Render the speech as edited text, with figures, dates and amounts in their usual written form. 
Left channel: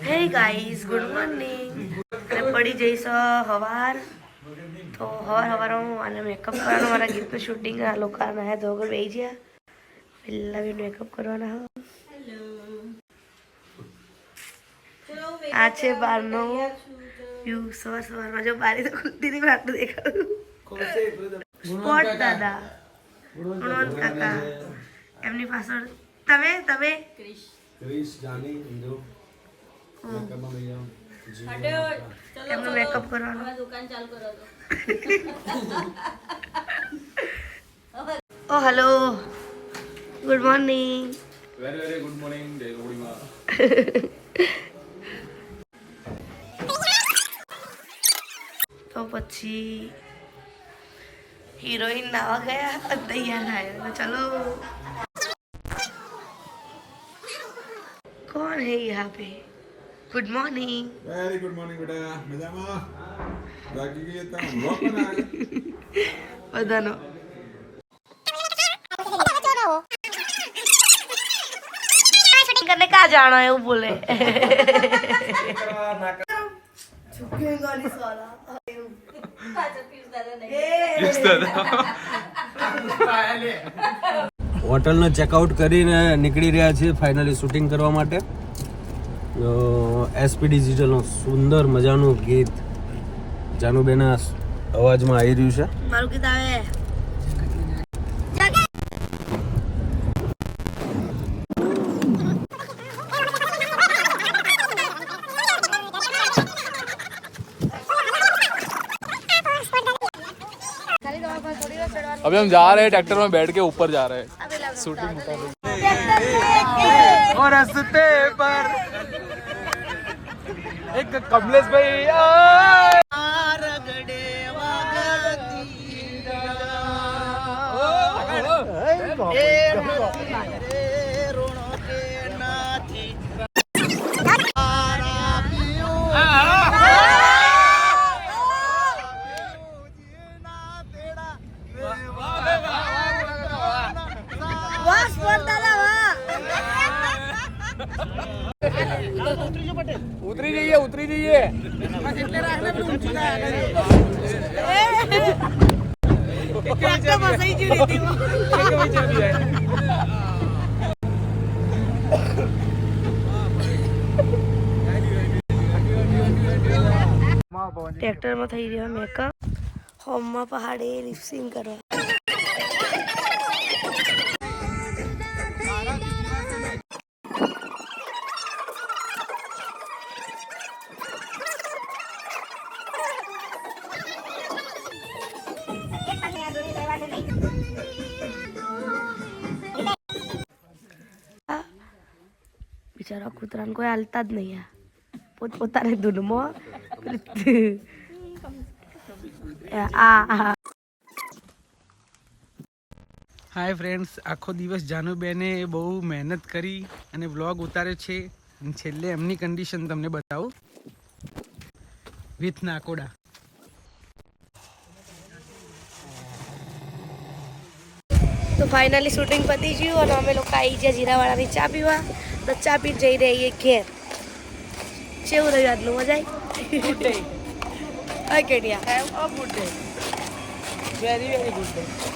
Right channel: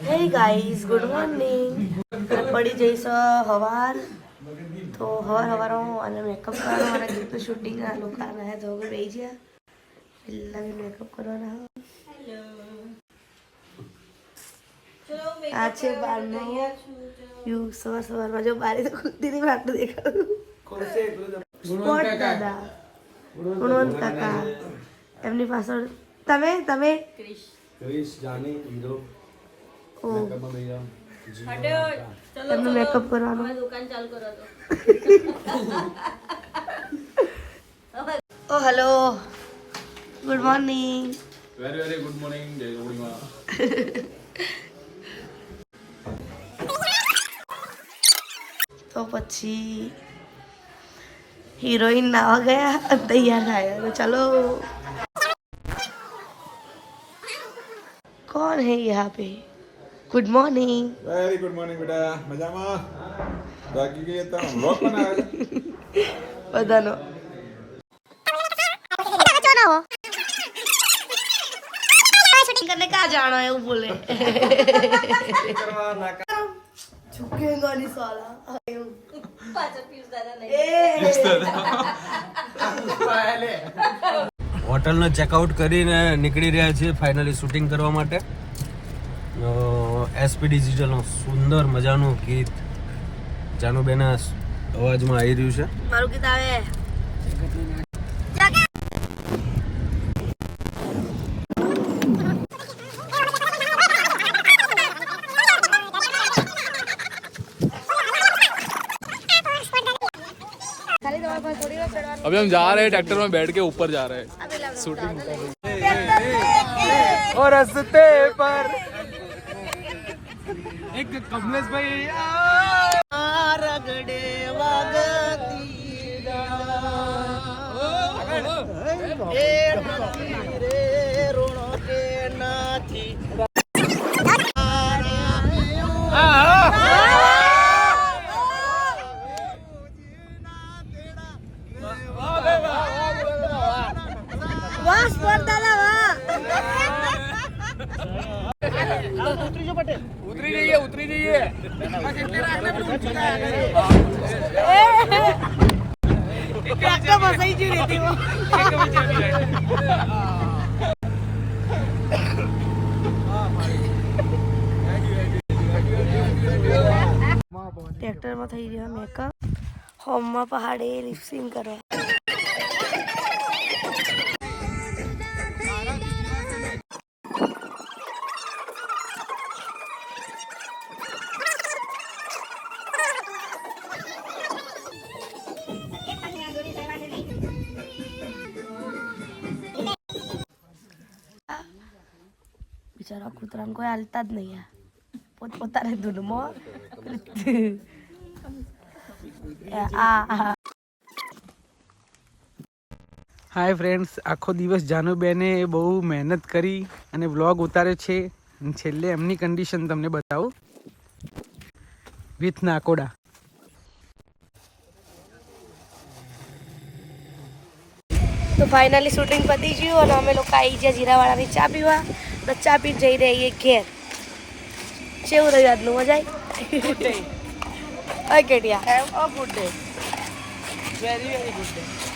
hey guys good morning પડી જઈશ હવાર તો હવાર અને મેકઅપ કરવાનો મારા ગીતનું શૂટિંગ લોકો નાયા ધોગર બેસી ગયા પહેલા બી મેકઅપ કરવાના આ છે બારનો વ્યૂ સવારમાં જો બારી તો ખુલતી નહીં આટલું દેખાતું સ્પોટ દાદા ગુણવંત કાકા એમની પાછળ તમે ક્રિશ જાની હીરો મેકઅપમાં લઈ એમનું મેકઅપ કરવાનું દુકાન ચાલુ કરો તો ઓ hello good morning very good morning જય રોડીમાં તો પછી हीरोइन नावा गया तैयार आया तो चलो कौन है यहाँ पे good morning very good morning बेटा मजाમાં બાકી કે તા વ્લોગ બનાવે બધાનો करने कहाँ जाना है वो बोले झुकेगा नहीं साला હોટલનો ચેકઆઉટ કરીને નીકળી રહ્યા છીએ ફાઇનલી શૂટિંગ કરવા માટે એસપી ડિજિટલનું સુંદર મજાનું ગીત જાનુબેના અવાજમાં આવી રહ્યું છે મારું ગીત આવે अभी हम जा रहे हैं ट्रैक्टर में बैठ के ऊपर जा रहे हैं शूटिंग और रास्ते पर एक कमलेश भाई रगड़े उतरी जाइए ट्रेक्टर में थी रहा मेकअप होम में पहाड़े लिपसिंग करवा बिचारा कूतरा कोई हालता ज नहीं है પોતાને ધૂનમાં હાય ફ્રેન્ડ્સ આખો દિવસ જાનુબેને બહુ મહેનત કરી અને વ્લોગ ઉતાર્યો છે છેલ્લે એમની કન્ડિશન તમને બતાવું વિથ નાકોડા તો ફાઇનલી શૂટિંગ પતી ગયું અને અમે લોકો આવી ગયા જીરાવાળાની ચા પીવા તો ચા પી જઈ રહીએ ઘેર કેવું રહ્યું આજનું મજા આવી ગુડ ડે હાય કેડિયા good day very good day